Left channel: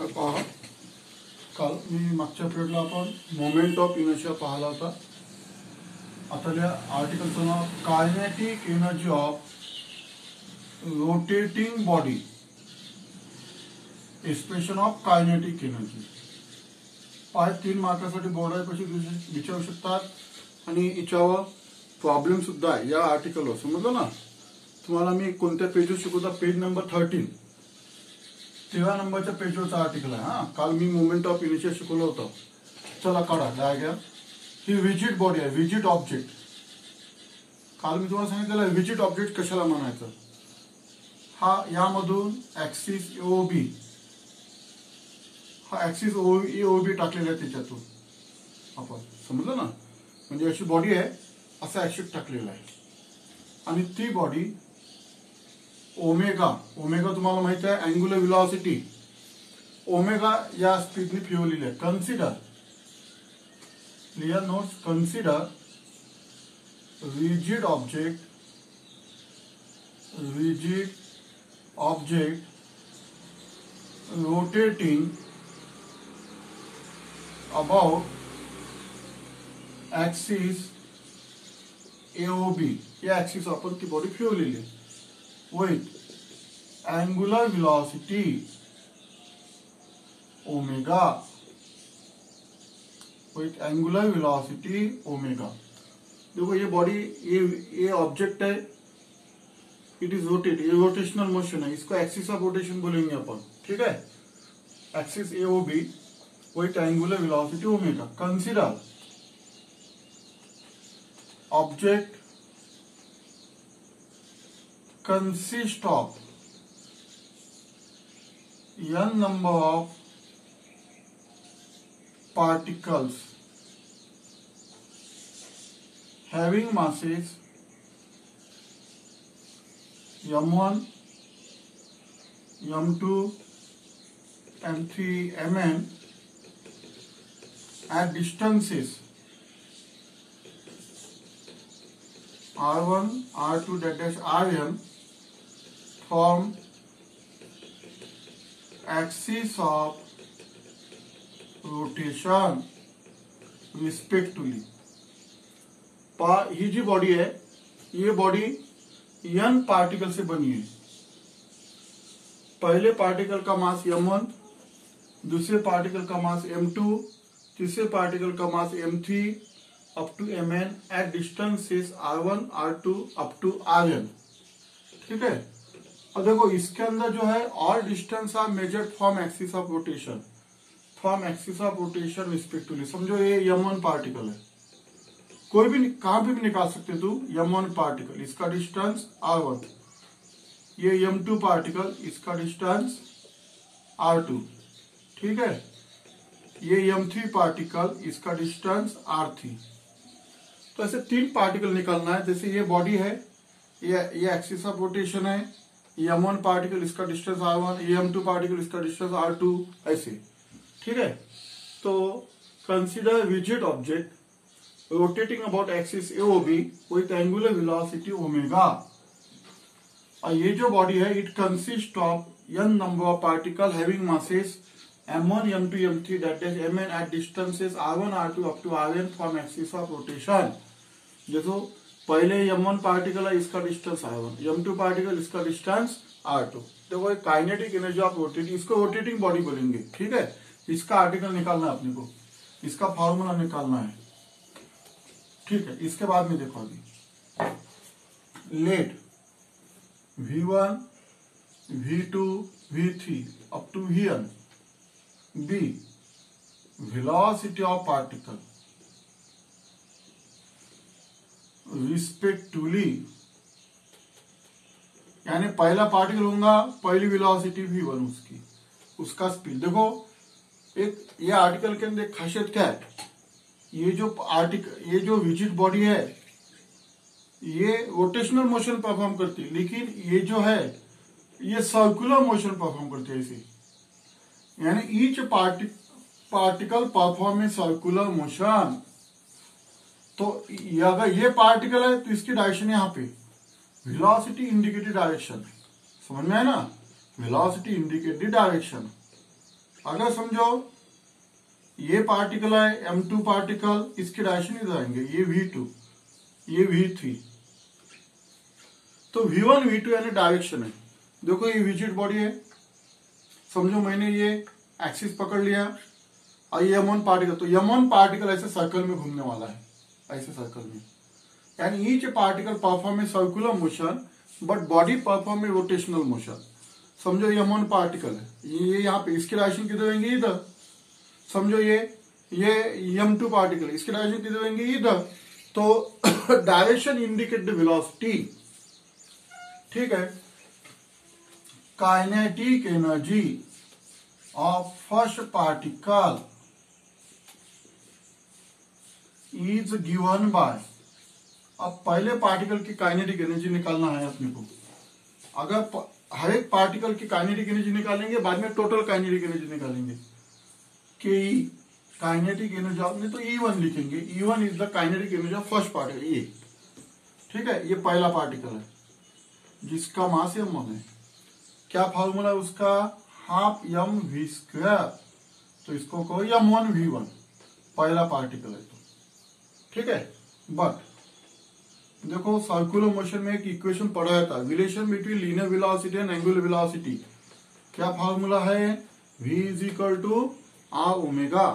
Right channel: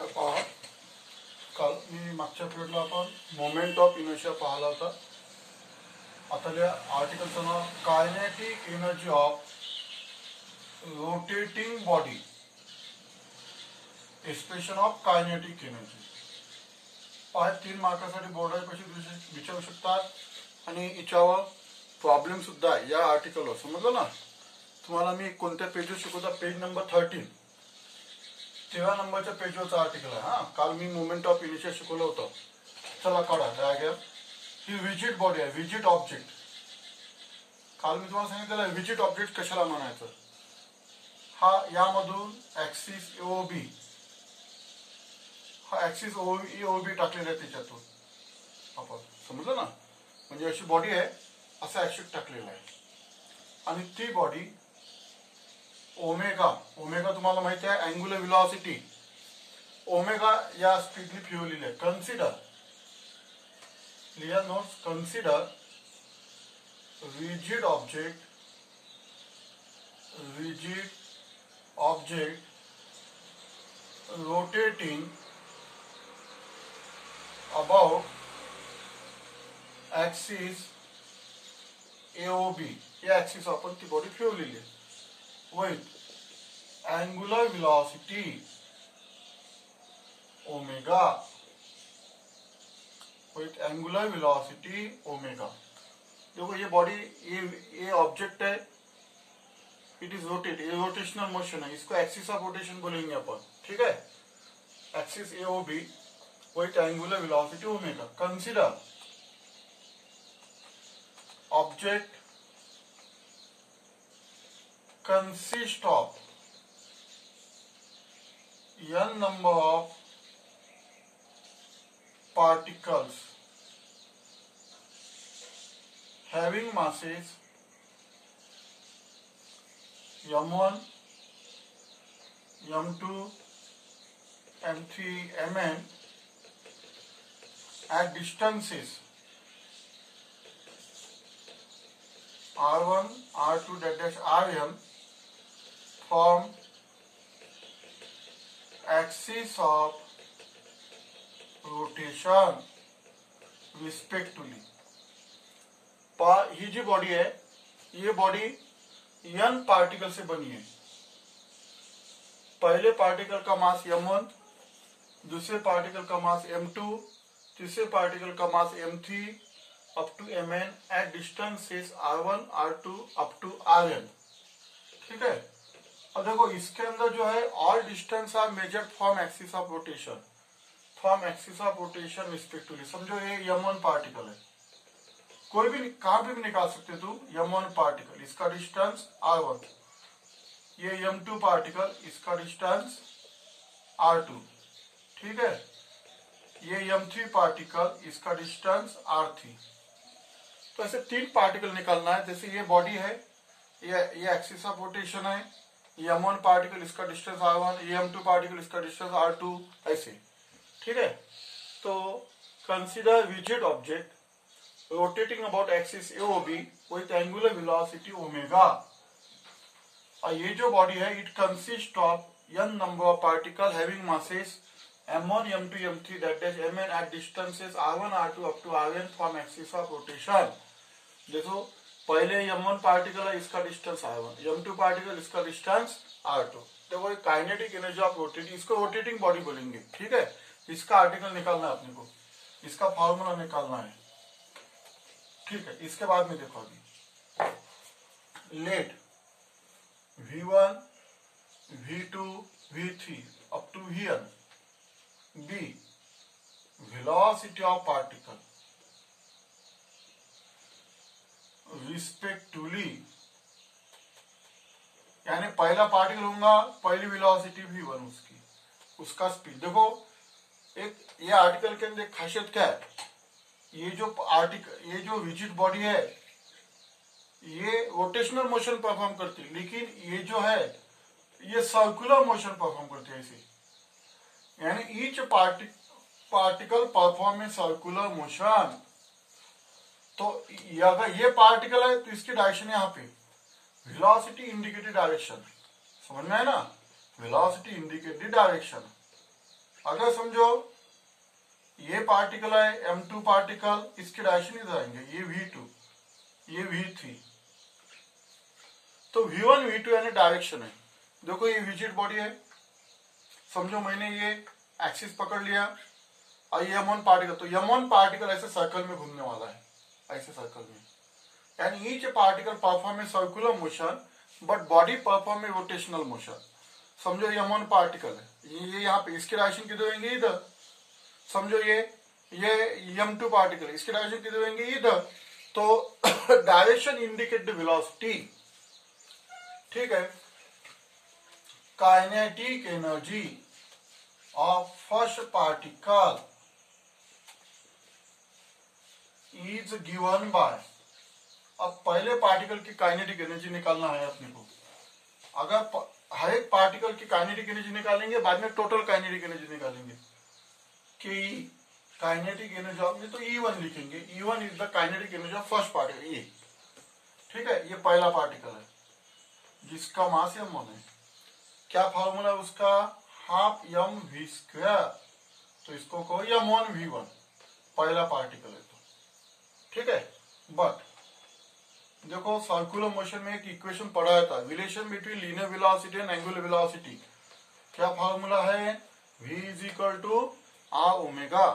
तर पहा, काल मी मागच्या पिरियडला आपण मोमेंट ऑफ इनर्शिया पाहिला होता. आता त्या आर्टिकलचं नाव kinetic energy of rotating body, expression of kinetic energy. 3 मार्कासाठी बोर्डावर क्वेश्चन विचारू शकतात आणि याच्यावर प्रॉब्लेम सुद्धा आहे या आर्टिकलवर. समजलं ना? तुम्हाला मी कोणत्या पेजवर शिकवता, पेज नंबर 13, 13 नंबरच्या पेजवरचं आर्टिकल आहे. हा, काल मी मोमेंट ऑफ इनर्शिया शिकवलं होतं. चला काढा डायग्राम. ही विजिट बॉडी आहे, विजिट ऑब्जेक्ट. काल मी तुम्हाला सांगितलेलं विजिट ऑब्जेक्ट कशाला म्हणायचं. हा यामधून ऍक्सिस एओबी, हा ऍक्सिस एओबी टाकलेला आहे त्याच्यातून आपण. समजलं ना? म्हणजे अशी बॉडी आहे, असा ऍक्सिस टाकलेला आहे आणि ती बॉडी ओमेगा, ओमेगा तुम्हाला माहिती आहे अँग्युलर व्हेलॉसिटी, ओमेगा या स्पीडने फिरवलेली आहे. Consider, clear notes, consider rigid object rotating about axis AOB. या ऍक्सिस आपण ती बॉडी फिरवलेली आहे with angular velocity omega, with angular velocity omega. देखो ये बॉडी, ये ऑब्जेक्ट है, इट इज रोटेट, ये रोटेशनल मोशन है, इसको एक्सिस ऑफ रोटेशन बोलेंगे अपन. ठीक है? Axis AOB with angular velocity omega. Consider object consist of n number of particles having masses m1, m2, m3, mn at distances r1, r2, rn from axis of rotation respectively. ही जी body है, ये body n particle से बनी है. पहले particle का मास m1, दूसरे पार्टिकल का मास m2, तीसरे पार्टिकल का mass m3 up to mn at distances r1, r2 up to rn. ठीक है? अब देखो इसके अंदर जो है all distance are measured from axis of rotation, from axis of rotation respectively. समझो ये m1 पार्टिकल है, कोई भी कहां पे भी निकाल सकते तुम. m1 पार्टिकल, इसका डिस्टेंस r1. ये m2 पार्टिकल, इसका डिस्टेंस r2. ठीक है? ये m3 पार्टिकल, इसका डिस्टेंस r3. तो ऐसे 3 पार्टिकल निकालना है. जैसे ये बॉडी है, ये एक्सिस ऑफ रोटेशन है, ये m1 पार्टिकल, इसका डिस्टेंस r1, ये m2 पार्टिकल, इसका डिस्टेंस r2, ऐसे. ठीक है? तो consider visit object rotating about axis AOB with angular velocity omega. और ये जो बॉडी है, it consists of n number of particles having masses m1, m2, m3, mn at distances r1, r2 up to rn from axis of rotation. देखो पहले m1 particle है, इसका distance r1, m2 particle, इसका distance r2. देखो kinetic energy of rotating, इसको rotating body बोलेंगे. ठीक है? इसका आर्टिकल निकालना है अपने को, इसका फॉर्मूला निकालना है. ठीक है? इसके बाद में देखो अभी let v1, v2, v3 up to vn be velocity of particle respectively. यानी पहला पार्टिकल होगा, पहली वेलोसिटी v1 उसकी, उसका स्पीड. देखो एक ये आर्टिकल के अंदर खासियत क्या है, ये जो विजिट बॉडी है, ये रोटेशनल मोशन परफॉर्म करती है, लेकिन ये जो है ये सर्कुलर मोशन परफॉर्म करती है. इसे यानी each particle perform a circular motion. तो अगर ये पार्टिकल है तो इसकी डायरेक्शन यहाँ पे, वेलोसिटी इंडिकेटेड डायरेक्शन. समझ में है ना? Velocity indicated direction. अगर समझो ये पार्टिकल है M2 पार्टिकल, इसके डायरेक्शन इधर आएंगे, ये V2 ये V3, तो V1 V2 यानी डायरेक्शन है। देखो ये विजिट बॉडी है, समझो मैंने ये एक्सिस पकड़ लिया और ये M1 पार्टिकल, तो M1 पार्टिकल ऐसे सर्कल में घूमने वाला है, ऐसे सर्कल में, यानी each particle perform a circular motion but body perform a rotational motion. समझो ये M1 पार्टिकल है, ये यहाँ पे, इसके डायरेक्शन किधर होंगे इधर। समझो ये M2 पार्टिकल, इसके डायरेक्शन किधर होंगे इधर। तो डायरेक्शन इंडिकेट द वेलोसिटी, ठीक है। Kinetic energy of first particle is given by, अब पहले पार्टिकल की काइनेटिक एनर्जी निकालना है अपने को। अगर हर एक पार्टिकल की काइनेटिक एनर्जी निकालेंगे, बाद में टोटल काइनेटिक एनर्जी निकालेंगे कि काइनेटिक एनर्जी ऑफ, नहीं तो E1 लिखेंगे, E1 is the kinetic energy of first particle, ये ठीक है। ये पहला पार्टिकल है जिसका मास M1 है। क्या फॉर्मूला है उसका, हाफ mv², तो इसको कहो M1 V1, पहला पार्टिकल है तो, ठीक है। बट देखो सर्कुलर मोशन में एक इक्वेशन पढ़ाया था, relation between linear velocity and angular velocity. क्या फॉर्मूला है, v is equal to r omega,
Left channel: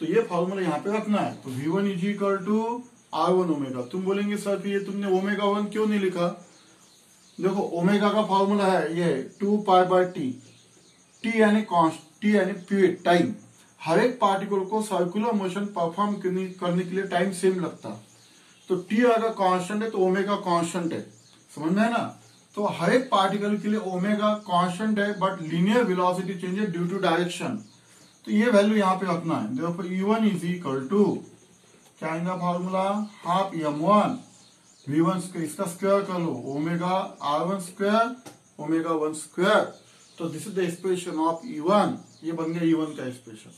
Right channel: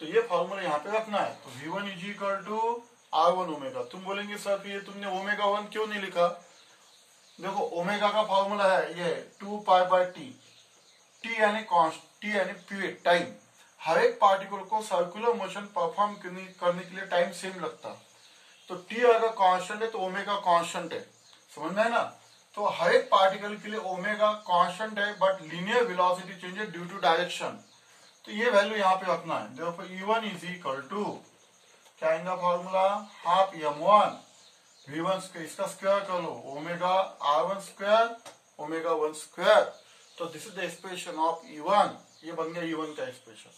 तो ये फॉर्मूला यहाँ पे रखना है। तो v1 is equal to r1 omega. तुम बोलेंगे सर ये तुमने ओमेगा 1 क्यों नहीं लिखा। देखो ओमेगा का फॉर्मूला है ये 2π/t, t यानी पीरियड, टाइम। हर एक पार्टिकल को सर्कुलर मोशन परफॉर्म करने के लिए टाइम सेम लगता है, तो टी अगर कांस्टेंट है तो ओमेगा कांस्टेंट है, समझ में है ना। तो हर एक पार्टिकल के लिए ओमेगा कांस्टेंट है, बट लीनियर वेलोसिटी चेंज है ड्यू टू डायरेक्शन, तो ये वैल्यू यहाँ पे रखना है। देखो E1 इज इक्वल टू क्या आएगा फॉर्मूला, हाफ M1 V1², इसका स्क्वायर कर लो, ओमेगा R1² ओमेगा 1²। तो this is the expression of E1, ये बन गया E1 का एक्सप्रेशन।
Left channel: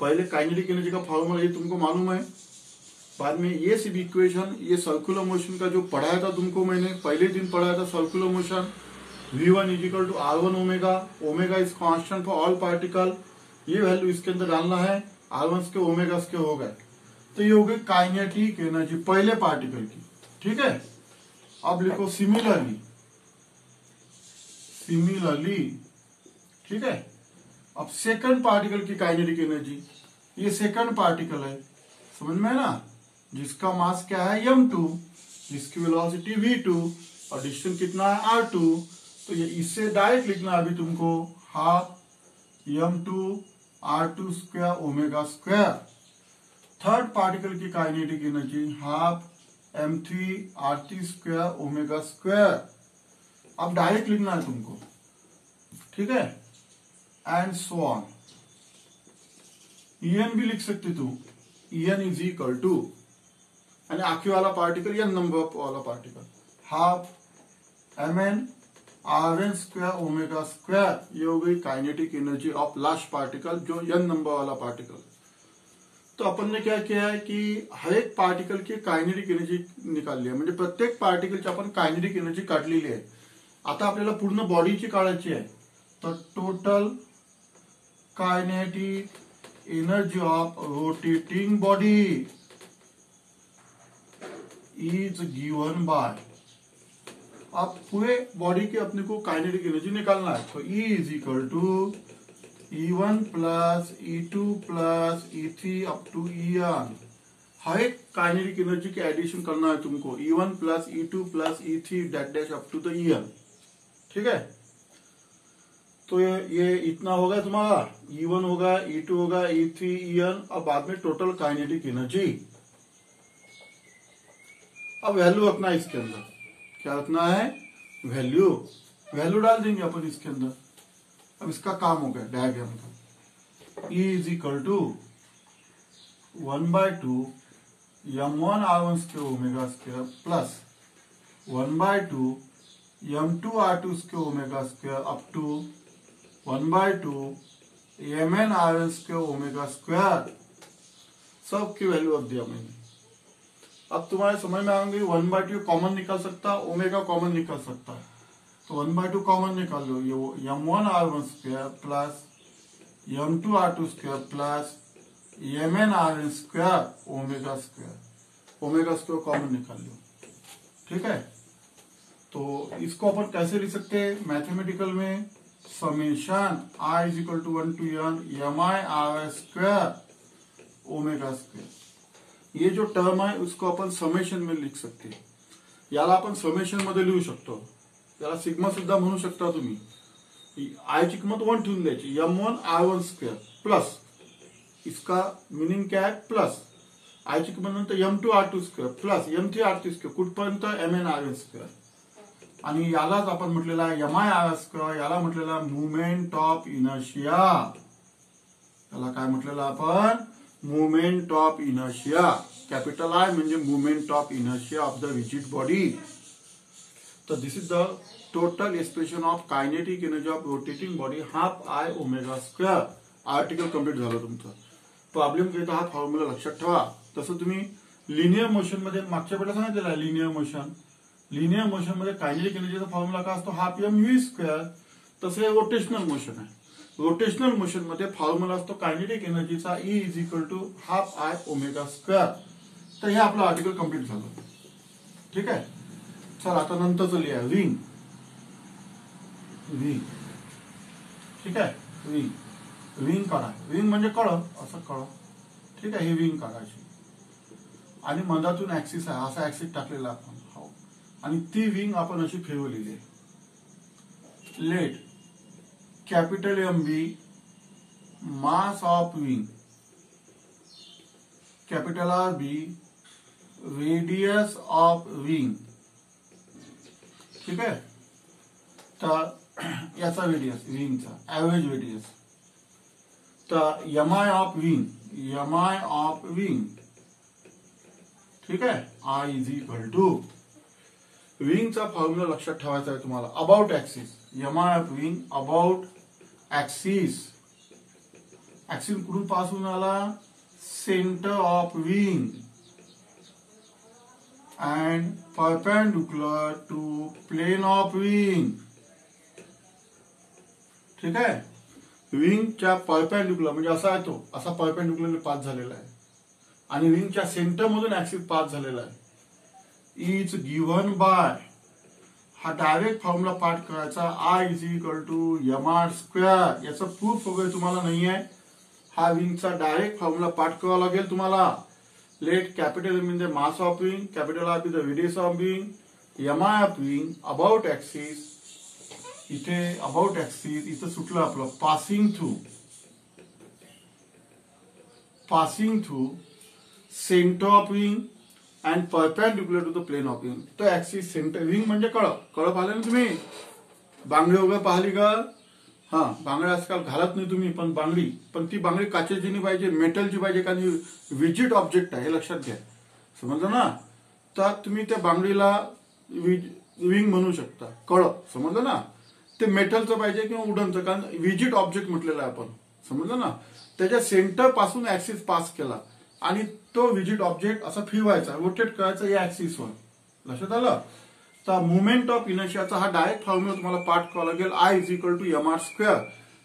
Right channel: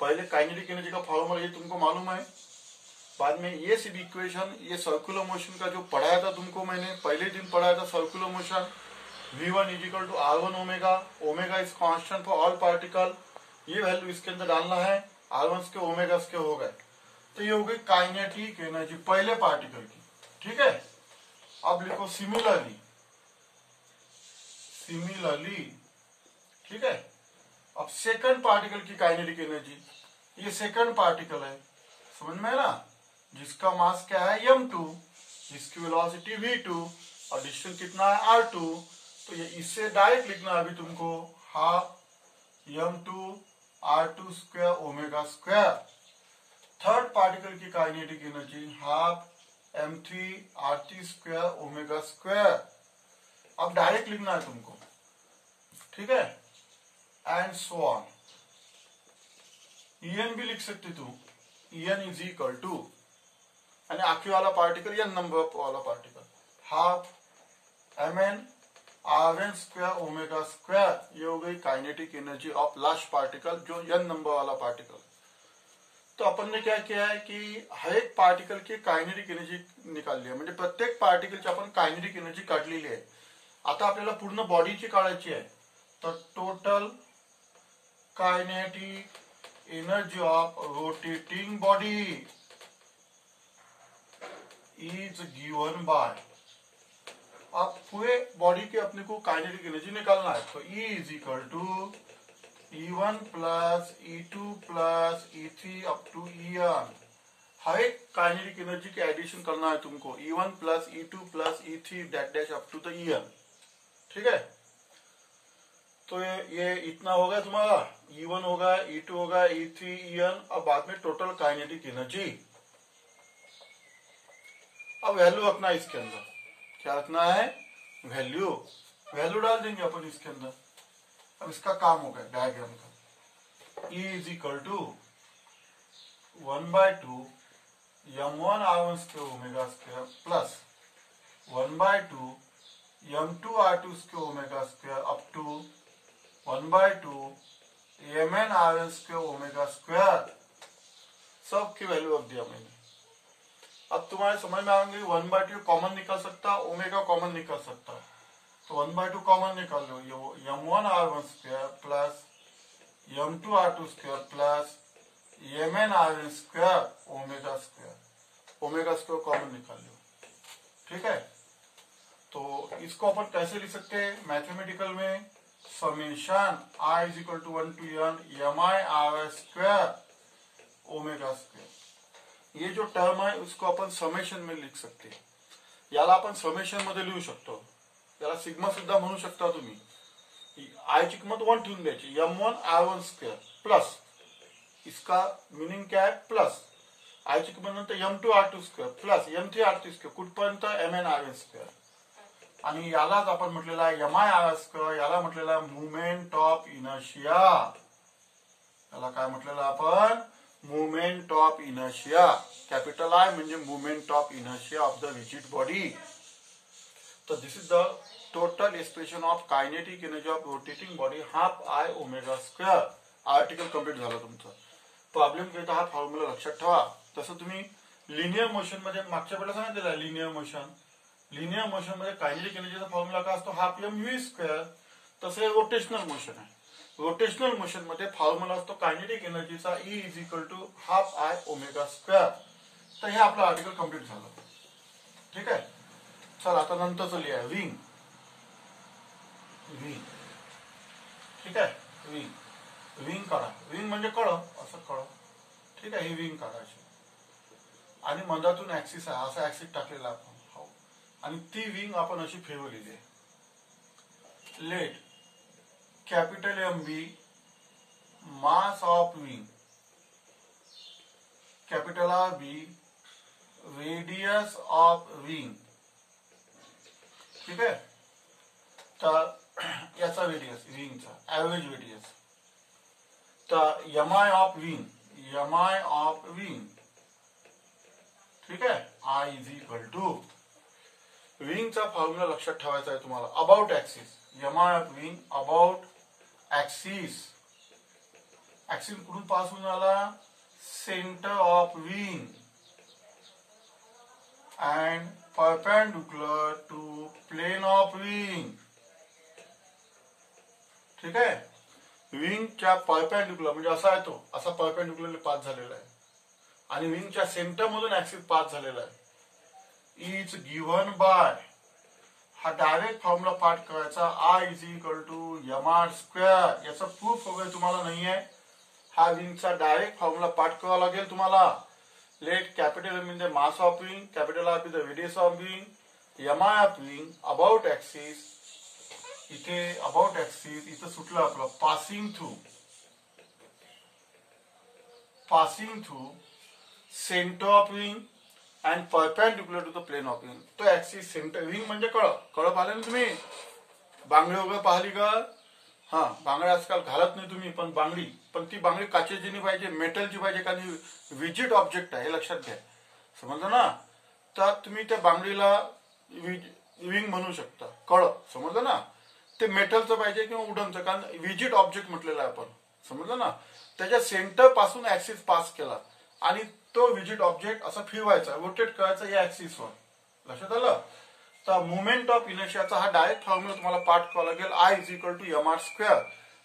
पहले काइनेटिक एनर्जी का फॉर्मूला ये तुमको मालूम है, बाद में ये सिर्फ इक्वेशन, ये सर्कुलर मोशन का जो पढ़ाया था तुमको, मैंने पहले दिन पढ़ाया था circular motion. V1 is equal to R1 omega, omega is constant for all particle, ये वैल्यू इसके अंदर डालना है, R1 के ओमेगा के हो गए, तो ये हो गई काइनेटिक एनर्जी पहले पार्टिकल की, ठीक है। अब लिखो सिमिलरली, ठीक है। अब सेकंड पार्टिकल की काइनेटिक एनर्जी, ये सेकंड पार्टिकल है, समझ में है ना, जिसका मास क्या है M2, जिसकी वेलोसिटी V2 और डिस्टेंस कितना है R2, तो ये इससे डायरेक्ट लिखना है अभी तुमको, half M2 R2² omega square. Third particle की kinetic energy half M3 R3² omega square. अब डायरेक्ट लिखना है तुमको, ठीक है, एंड सो ऑन। En भी लिख सकते तू, En इज इक्वल टू, यानी आखिरी वाला पार्टिकल या नंबर वाला particle, half Mn Rn² omega square. ये हो गई kinetic energy of last particle, जो n नंबर वाला पार्टिकल। तो अपन ने क्या किया है कि हर एक पार्टिकल की कायनेटिक एनर्जी निकालली आहे, म्हणजे प्रत्येक पार्टिकलची आपण कायनेटिक एनर्जी काढलेली आहे। आता आपल्याला पूर्ण बॉडीची काढायची आहे, तर total kinetic energy of rotating body is given by, अब पूरे बॉडी के अपने को काइनेटिक एनर्जी निकालना है, तो E is equal to E1 plus E2 plus E3 up to En। हर एक काइनेटिक एनर्जी के एडिशन करना है तुमको, E1 plus E2 plus E3 that dash up to the En, ठीक है। तो ये इतना होगा तुम्हारा, E1 होगा, E2 होगा, E3 En, अब बाद में टोटल काइनेटिक एनर्जी। अब वैल्यू रखना है इसके अंदर, क्या रखना है, वैल्यू डाल देंगे अपन इसके अंदर। अब इसका काम हो गया डायग्राम का, E is equal to 1/2 M1 R1² omega square plus 1/2 M2 R2² omega square up to 1/2 Mn Rn² omega square. सब की वैल्यू अब दिया मैंने। अब तुम्हारे समझ में आएंगे 1/2 कॉमन निकल सकता, ओमेगा कॉमन निकल सकता है, तो 1/2 कॉमन निकाल लो, ये M1 R1² plus m2r2 square plus mn square omega square common निकाल लो। ठीक है, तो इसको अपन कैसे लिख सकते हैं मैथमेटिकल में, summation i is equal to 1 to n mi r square omega square. ये जो टर्म आहे उसको आपण समेशन में लिख सकते, याला आपण समेशन मध्ये लिहू शकतो, याला सिग्मा सुद्धा म्हणू शकता तुम्ही। आय ची किंमत 1 ठेवून द्यायची, m1 r1 स्क्वायर प्लस इसका मीनिंग क्या है प्लस आय ची किंमत नंतर m2 r2 square plus m3 r3 square कुठपर्यंत mn r1 स्क्वायर, आणि यालाच आपण म्हटलेला आहे mi r स्क्वायर, याला म्हटलेला मुवमेंट ऑफ इनर्शिया, याला काय म्हटलेलं आपण movement of inertia. Capital I म्हणजे movement of inertia of the rigid body. तर this is the total expression of kinetic energy of rotating body half I omega square. Article complete झालं तुमचं। Problem घेता हा फॉर्म्युला लक्षात ठेवा। तसं तुम्ही लिनियर मोशन मध्ये मागच्या वेळेला सांगितलेलं आहे, लिनियर मोशन मध्ये कायनेटिक एनर्जीचा फॉर्म्युला काय असतो, हाफ एम व्ही स्क्वेअर। तसं हे रोटेशनल मोशन आहे, रोटेशनल मोशन मध्ये फॉर्म्युला असतो कायनेटिक एनर्जीचा E is equal to half I omega square. तर हे आपलं आर्टिकल कंप्लीट झालं। ठीक आहे, चल आता नंतरचं लिहा विंग। ठीक आहे, विंग काढा, विंग म्हणजे कळ, असं कळ। ठीक आहे, ही विंग काढायची आणि मधातून ऍक्सिस आहे, असा ऍक्सिस टाकलेला आपण, हो, आणि ती विंग आपण अशी फिरवलेली आहे। Let capital M be mass of wing, capital R be radius of wing. ठीक आहे, तर याचा रेडियस विंगचा एव्हरेज रेडियस, तर एमआय ऑफ विंग, ठीक आहे, आय इज इक्वल टू विंगचा फॉर्म्युला लक्षात ठेवायचा आहे तुम्हाला, about axis, MI of wing about axis. Axis कुठून पास होऊन आला, centre of wing and perpendicular to plane of wing. ठीक आहे, विंगच्या परपेंडिक्युलर म्हणजे असा आहे तो, असा परपेंडिक्युलर पास झालेला आहे आणि विंगच्या सेंटर मधून ऍक्सिस पास झालेला आहे। इज गिव्हन बाय, हा डायरेक्ट फॉर्म्युला पाठ करायचा, I is equal to M R square. याचं प्रूफ वगैरे तुम्हाला नाही आहे, हा विंगचा डायरेक्ट फॉर्म्युला पाठ करावा लागेल तुम्हाला। लेट कॅपिटल एम म्हणजे mass of ring, capital R be the radius of ring, M I of wing about axis, इथे अबाउट ऍक्सिस, इथं सुटलं आपलं passing through centre of wing and perpendicular to the plane of ring. तो axis centre, ring म्हणजे कळ पाहिले ना तुम्ही, बांगडी वगैरे पाहिली का? हा, बांगड्या आजकाल घालत नाही तुम्ही, पण ती बांगडी काचेची नाही पाहिजे, मेटलची पाहिजे, कारण विजिट ऑब्जेक्ट आहे, हे लक्षात घ्या, समजलं ना? तर तुम्ही त्या बांगडीला विंग म्हणू शकता, कळ, समजलं ना? ते मेटलचं पाहिजे किंवा वुडनचं, कारण विजिट ऑब्जेक्ट म्हटलेलं आहे आपण, समजलं ना? त्याच्या सेंटर पासून ऍक्सिस पास केला आणि तो विजिट ऑब्जेक्ट असा फिरवायचा, रोटेट करायचा या ऍक्सिसवर, लक्षात आलं? तर मुवमेंट ऑफ इनर्शियाचा हा डायरेक्ट फॉर्म्युला तुम्हाला पाठ करावा लागेल, I is equal to M R square.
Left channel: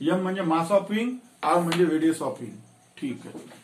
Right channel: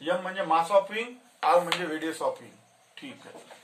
M म्हणजे मास ऑफ विंग, आर म्हणजे रेडियस ऑफ विंग। ठीक आहे।